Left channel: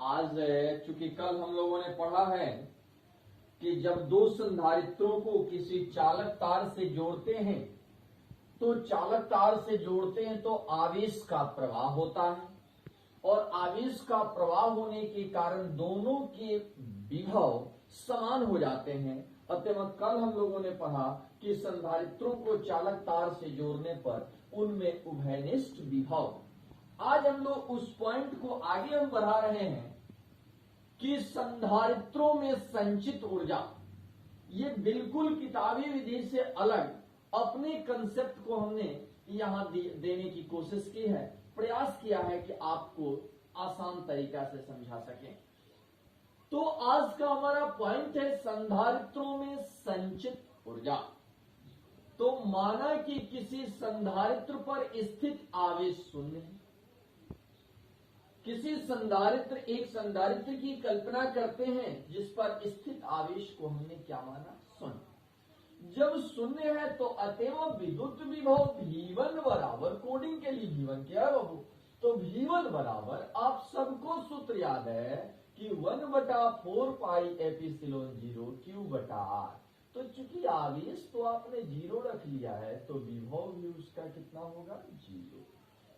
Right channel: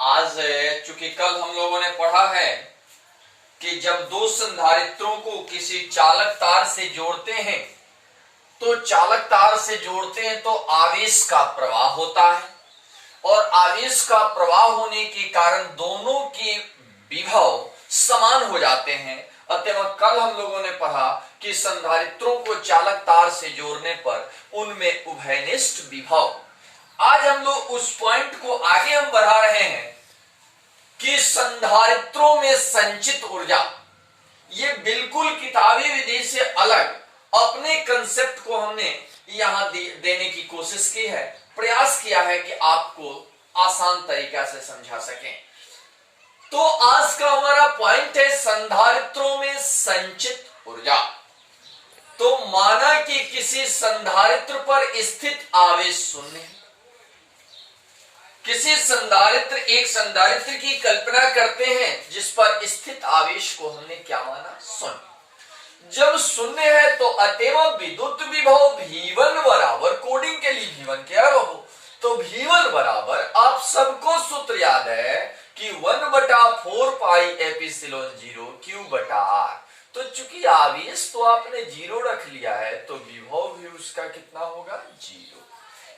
आज चूंकि कल हम लोगों ने पढ़ा है कि जब दो संधारित्रों को किसी चालक तार से जोड़ते हैं तो चालक तार से जोड़ते हैं तो आवेश का प्रवाह होता है और आवेश का प्रवाह होने के कारण दोनों के विभव समान हो जाते हैं। अतः कल हम लोगों ने पढ़ा कि संधारित्रों को चालक तार से जोड़ने पर उनमें उभयनिष्ठ विभव। आज हम लोग उस पॉइंट को आगे हम बढ़ा रहे हैं कि संधारित्रों में संचित ऊर्जा, ये बिल्कुल किताबी विधि से अलग अपने कंसेप्ट को हमने यहां देने की कोशिश की है, प्रयास किया है कि आपको आसान तरीका से समझा सकें। तो आज का हमारा पॉइंट है संधारित्रों में संचित ऊर्जा। तो माना कि किसी संधारित्र पर स्थित आवेश शून्य है। किसी संधारित्र, एक संधारित्र की कल्पना करते हैं जिस पर स्थित आवेश को हमने क्या माना? शून्य। जब शून्य है तो अतएव विद्युत विभव V1 बराबर, कोडिंग के लिए V1 क्या है बाबू? तो V1 बराबर, आप सबको सूत्र याद है कि 1/4 पाई एप्सिलॉन 0 Q बटा R। तो चूंकि आवेश तो आपने 0 रख लिया है तो विभव भी उसका कितना होगा? 0।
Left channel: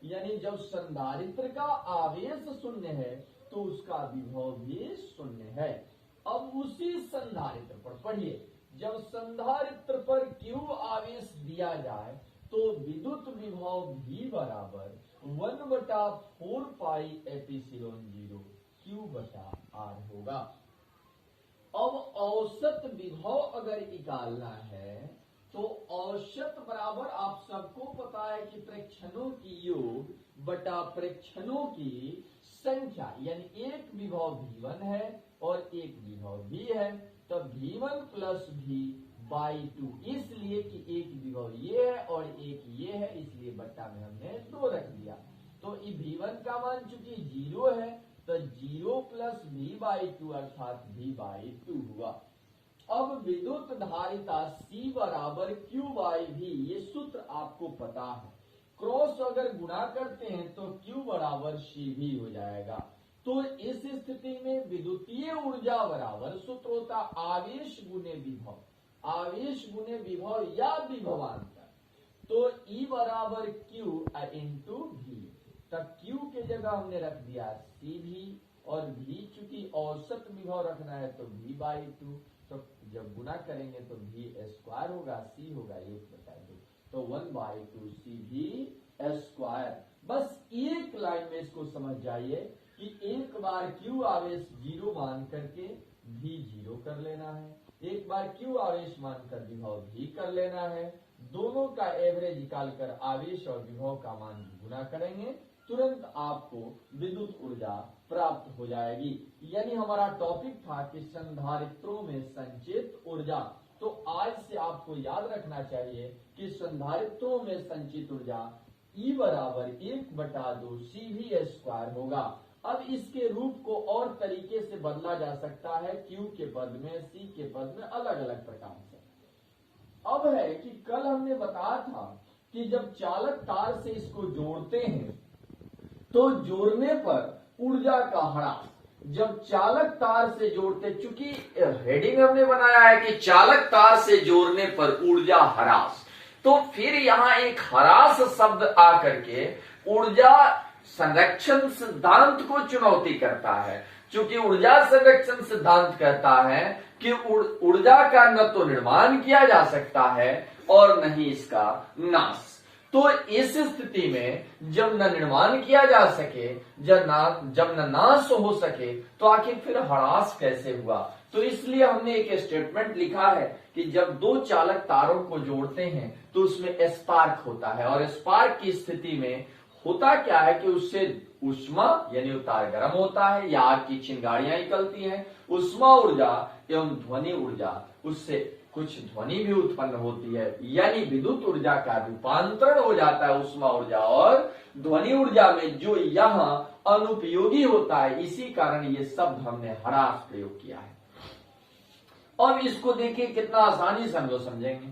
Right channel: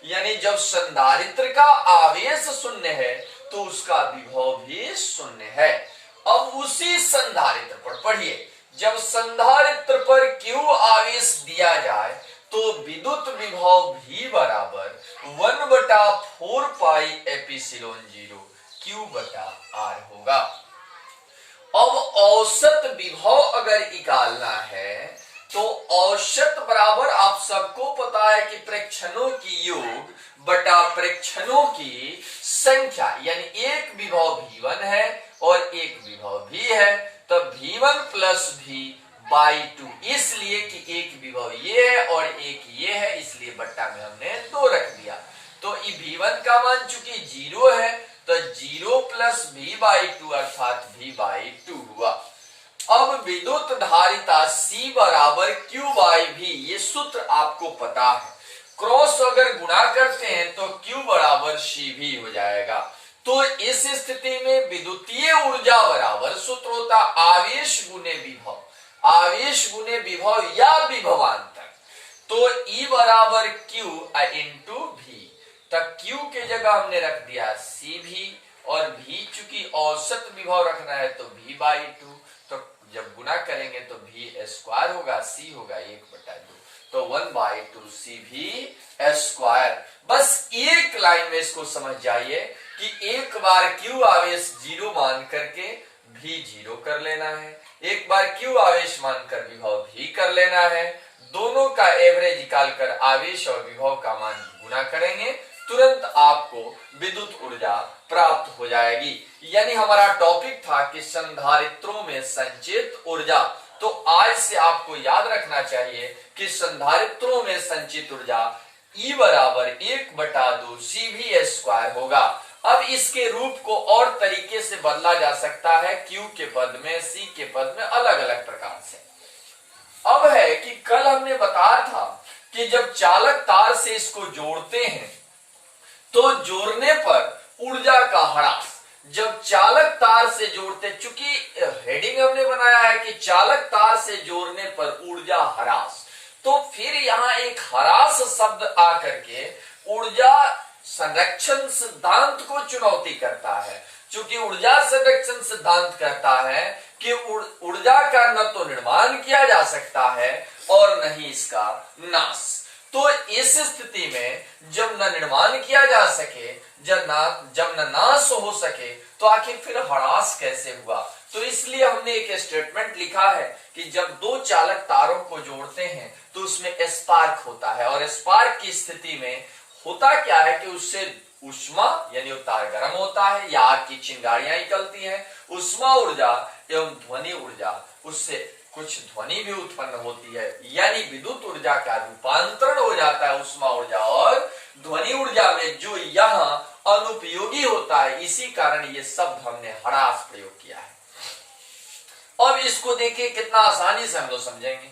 यानी जब संधारित्र का आवेश शून्य है तो उसका विभव भी शून्य है। अब उसी संधारित्र पर पढ़िए, जब संधारित्र पर Q आवेश दिया जाए तो विद्युत विभव V बराबर 1/4 पाई एप्सिलॉन 0 Q बटा R होगा। अब औसत विभव अगर निकालना है तो औसत बराबर, आप सबको पता है कि प्रेक्षणों की योग बटा प्रेक्षणों की संख्या, यानी एक विभव V1 है और एक विभव V है, तब V1 प्लस V/2, इसलिए कि एक विभव ये है और एक ये है, इसलिए बट्टा में हमने 2 रख दिया। तो ये V1 का मान चूंकि 0 है तो 0 प्लस V/2 अर्थात V/2 हुआ। अब विद्युत धारिता C बराबर Q/V, ये सूत्र आपको पता है। क्रॉस अगर गुणा करते हैं तो Q बराबर CV हो जाएगा। तो इस स्थिति में विद्युतीय ऊर्जा बराबर सूत्र होता आवेश गुने विभव, आवेश गुने विभव या विभवांतर। तो E बराबर Q इंटू V, तब Q के जगह हमने रख दिया CV और V चूंकि औसत विभव रखना है तो V/2, तो जब गुना करेंगे तो V² होगा, C होगा 1/2, तो 1/2 CV²। बस एक लाइन में इसको समझ जाइए कि एक बार Q आवेश 0 मान करके V 0 कर लेना है, एक बार Q आवेश मानकर विभव V कर लेना है, दोनों का एवरेज निकालकर आवेश और विभव का मान गुना करेंगे, तुरंत आपको विद्युत ऊर्जा प्राप्त हो जाएगी। यानी हमारा टॉपिक था कि संधारित्रों में संचित ऊर्जा। तो आज से आपको याद रखना चाहिए कि संधारित्रों में संचित ऊर्जा E बराबर 1/2 CV² होगा। अब इसके रूप को और तरीके से बदला जा सकता है, Q के पद में, C के पद में, अलग अलग प्रकार से। अब है कि कल हमने बताया था कि जब चालक तार से इसको जोड़ते हैं तो जोड़ने पर ऊर्जा का ह्रास, जब चालक तार से जोड़ते, चूंकि हेडिंग हमने बनाया है कि चालक तार से जोड़ने पर ऊर्जा ह्रास, तो फिर यहां एक ह्रास शब्द आकर के ऊर्जा संरक्षण सिद्धांत को चुनौती करता है। चूंकि ऊर्जा संरक्षण सिद्धांत कहता है कि ऊर्जा का न तो निर्माण किया जा सकता है और न ही इसका नाश। तो इस स्थिति में जब न निर्माण किया जा सके, जब न नाश हो सके, तो आखिर फिर ह्रास कैसे हुआ? तो इसलिए हमने एक स्टेटमेंट लिखा है कि जब दो चालक तारों को जोड़ते हैं तो उसमें स्पार्क होता है, और स्पार्क की स्थिति में होता क्या है कि उससे ऊष्मा यानी तार गर्म होता है या आग की चिंगारियां निकलती हैं, ऊष्मा ऊर्जा एवं ध्वनि ऊर्जा, उससे कुछ ध्वनि भी उत्पन्न होती है, यानी विद्युत ऊर्जा का रूपांतरण हो जाता है ऊष्मा ऊर्जा और ध्वनि ऊर्जा में, जो यहां अनुपयोगी होता है। इसी कारण ये शब्द हमने ह्रास प्रयोग किया है। अब इसको देखिए कितना आसानी से हम लोग समझेंगे,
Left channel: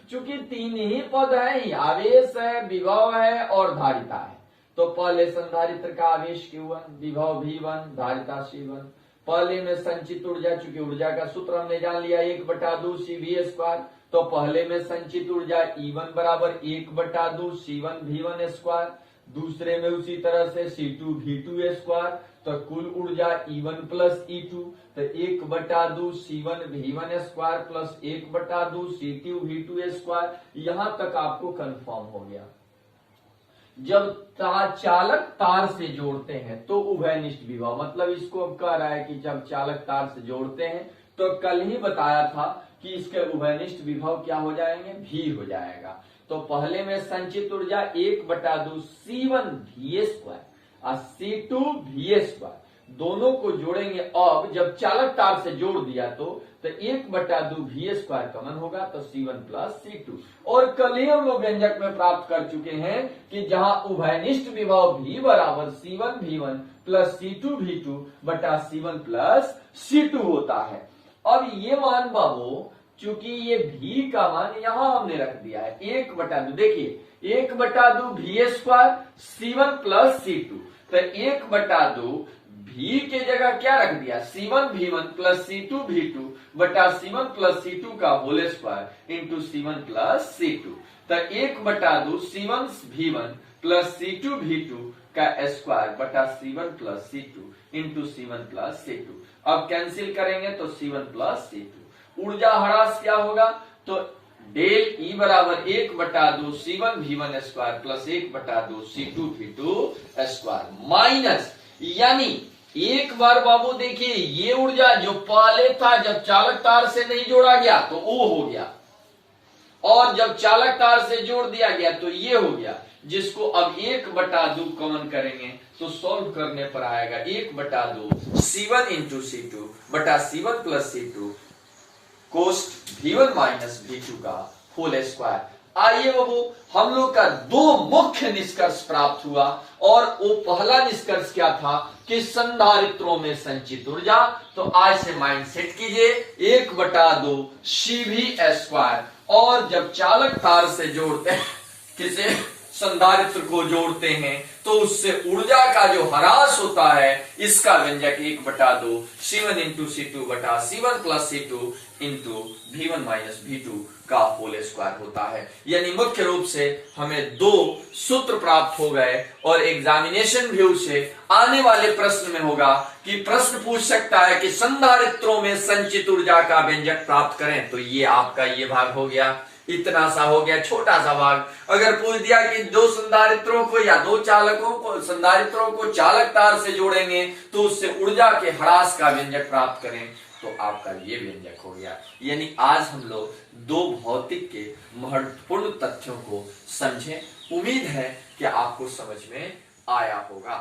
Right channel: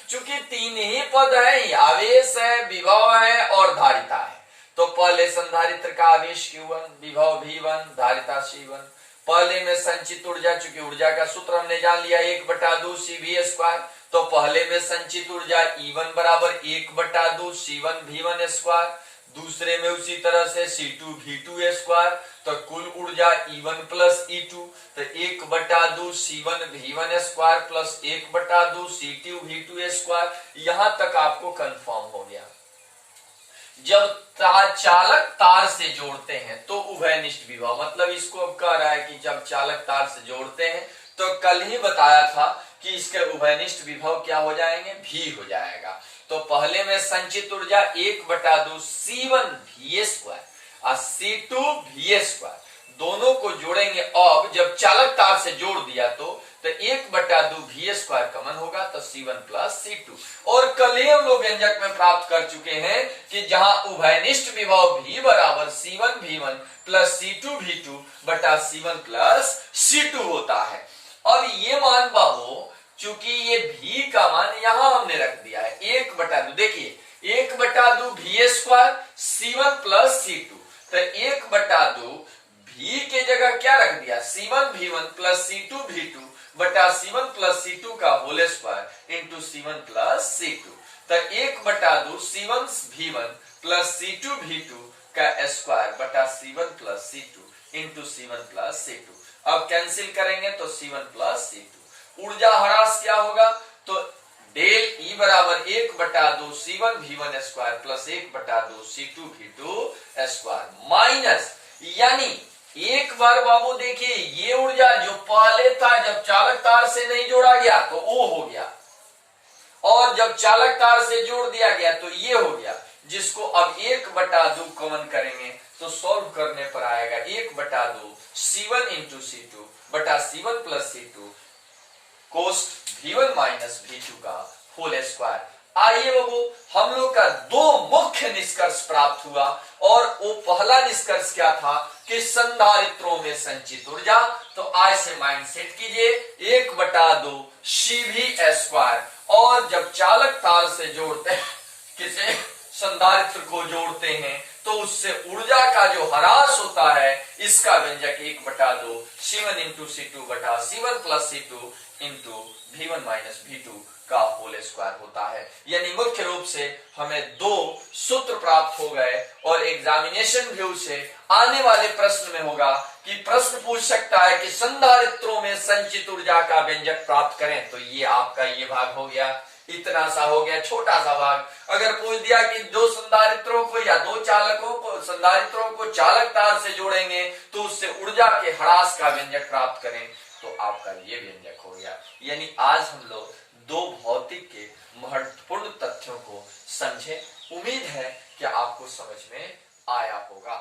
चूंकि 3 ही पद है, आवेश है, विभव है और धारिता है। तो पहले संधारित्र का आवेश Q1, विभव V1, धारिता C1। पहले में संचित ऊर्जा, चूंकि ऊर्जा का सूत्र हमने जान लिया 1/2 CV², तो पहले में संचित ऊर्जा E1 बराबर 1/2 C1 V1²। दूसरे में उसी तरह से C2 V2²। तो कुल ऊर्जा E1 प्लस E2, तो 1/2 C1 V1² plus 1/2 C2 V2²। यहां तक आपको कंफर्म हो गया। जब चालक तार से जोड़ते हैं तो उभयनिष्ठ विभव, मतलब इसको अब कह रहा है कि जब चालक तार से जोड़ते हैं तो कल ही बताया था कि इसके उभयनिष्ठ विभव क्या हो जाएंगे, भी हो जाएगा। तो पहले में संचित ऊर्जा 1/2 C1 VA² और C2 VA², दोनों को जोड़ेंगे। अब जब चालक तार से जोड़ दिया तो 1/2 VA² कॉमन होगा, तो C1 प्लस C2। और कल ही हम लोग व्यंजक में प्राप्त कर चुके हैं कि जहां उभयनिष्ठ विभव V बराबर C1 V1 plus C2 V2 बटा C1 प्लस C2 होता है। अब ये मान बाबू, चूंकि ये V का मान यहां हमने रख दिया है 1/2, देखिए 1/2 VA² C1 प्लस C2, तो 1/2 V के जगह क्या रख दिया C1 V1 plus C2 V2 बटा C1 प्लस C2 का whole square into C1 plus C2, तो 1/2 C1 V1 plus C2 V2 का स्क्वायर बटा C1 plus C2 into C1 plus C2। अब कैंसिल करेंगे तो C1 प्लस C2। ऊर्जा ह्रास क्या होगा, तो डेल E बराबर 1/2 C1 V1² plus 1/2 C2 V2² minus, यानी एक बार बाबू देखिए ये ऊर्जा जो पहले था जब चालक तार से नहीं जोड़ा गया तो वो हो गया, और जब चालक तार से जोड़ दिया गया तो ये हो गया, जिसको अब 1/2 कॉमन करेंगे तो सॉल्व करने पर आएगा 1/2 C1 इंटू C2 बटा C1 plus C2 coast V1 minus V2 का होल स्क्वायर। आइए बाबू, हम लोग का दो मुख्य निष्कर्ष प्राप्त हुआ, और वो पहला निष्कर्ष क्या था कि संधारित्रों में संचित ऊर्जा, तो आज से माइंड सेट कीजिए 1/2 CV², और जब चालक तार से जोड़ते हैं, किसे संधारित्र को जोड़ते हैं, तो उससे ऊर्जा का जो ह्रास होता है इसका व्यंजक 1/2 C1 इंटू C2 बटा C1 plus C2 into V1 minus V2 का होल स्क्वायर होता है। यानी मुख्य रूप से हमें दो सूत्र प्राप्त हो गए, और एग्जामिनेशन व्यू से आने वाले प्रश्न में होगा कि प्रश्न पूछ सकता है कि संधारित्रों में संचित ऊर्जा का व्यंजक प्राप्त करें, तो ये आपका ये भाग हो गया, इतना सा हो गया छोटा सा भाग। अगर पूछ दिया कि दो संधारित्रों को या दो चालकों को, संधारित्रों को चालक तार से जोड़ेंगे तो उससे ऊर्जा के ह्रास का व्यंजक प्राप्त करें, तो आपका ये व्यंजक हो गया। यानी आज हम लोग दो भौतिक के महत्वपूर्ण तथ्यों को समझे। उम्मीद है कि आपको समझ में आया होगा।